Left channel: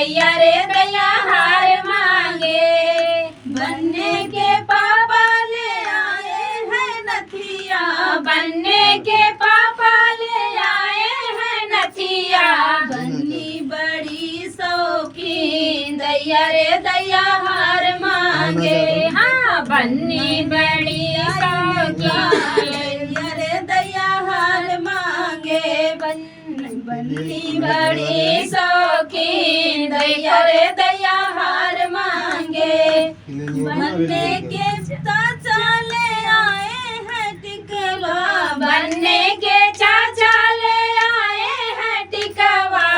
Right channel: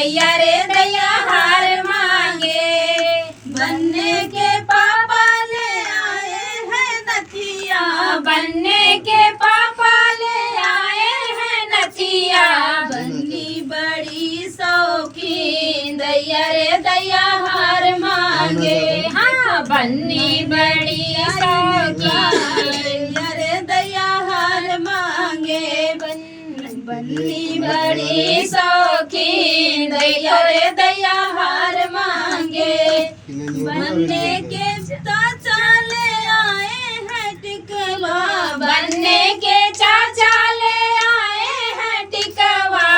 दैया रे दैया हार मांगे। बनने के पापा ले आए हैं नथिया, बनने के पापा ले आए हैं नथिया। बन्नी बड़ी शौकीन दैया रे दैया हार मांगे। हाँ बन्नी बड़ी शौकीन दैया रे दैया हार मांगे। बन्नी बड़ी शौकीन दैया रे दैया हार मांगे। बनने के चाचा ले आए हैं टिकवा, बनने के चाचा ले आए हैं टिकवा।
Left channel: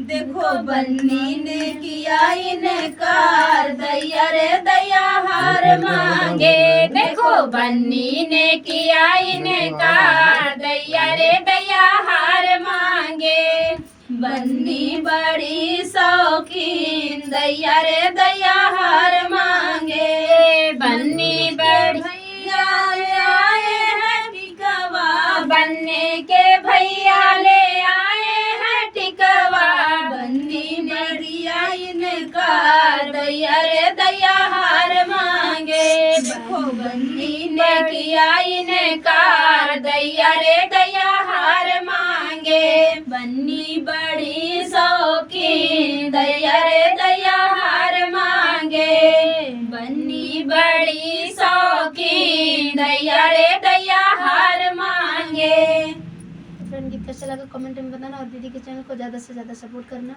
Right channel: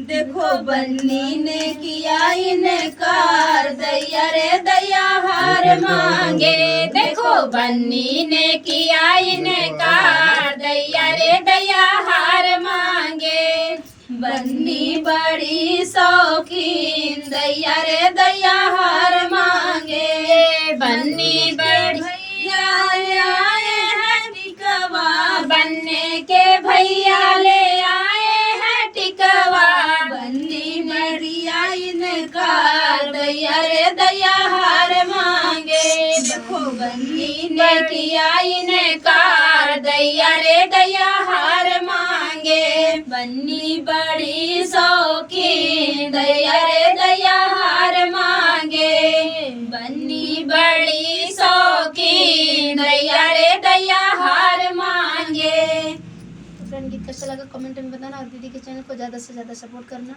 देखो बन्नी ने किया इनकार दैया रे दैया हार मांगे। देखो बन्नी ने किया इनकार दैया रे दैया हार मांगे। बन्नी बड़ी शौकीन दैया रे दैया हार मांगे। बन्नी बड़ी भैया ले आए हैं टिकवा, बनने के भैया ले आए हैं टिकवा। बन्नी बड़िया इनकार दैया रे दैया हार मांगे। देखो बन्नी ने किया इनकार दैया रे दैया हार मांगे। बन्नी बड़ी शौकीन दैया रे दैया हार मांगे। बन्नी बड़ी शौकीन दैया रे दैया हार मांगे। फ्रेंड गीत कैसा लगा कमेंट में बताना और दीदी के चैनल को ज़्यादा से ज़्यादा सपोर्ट करना।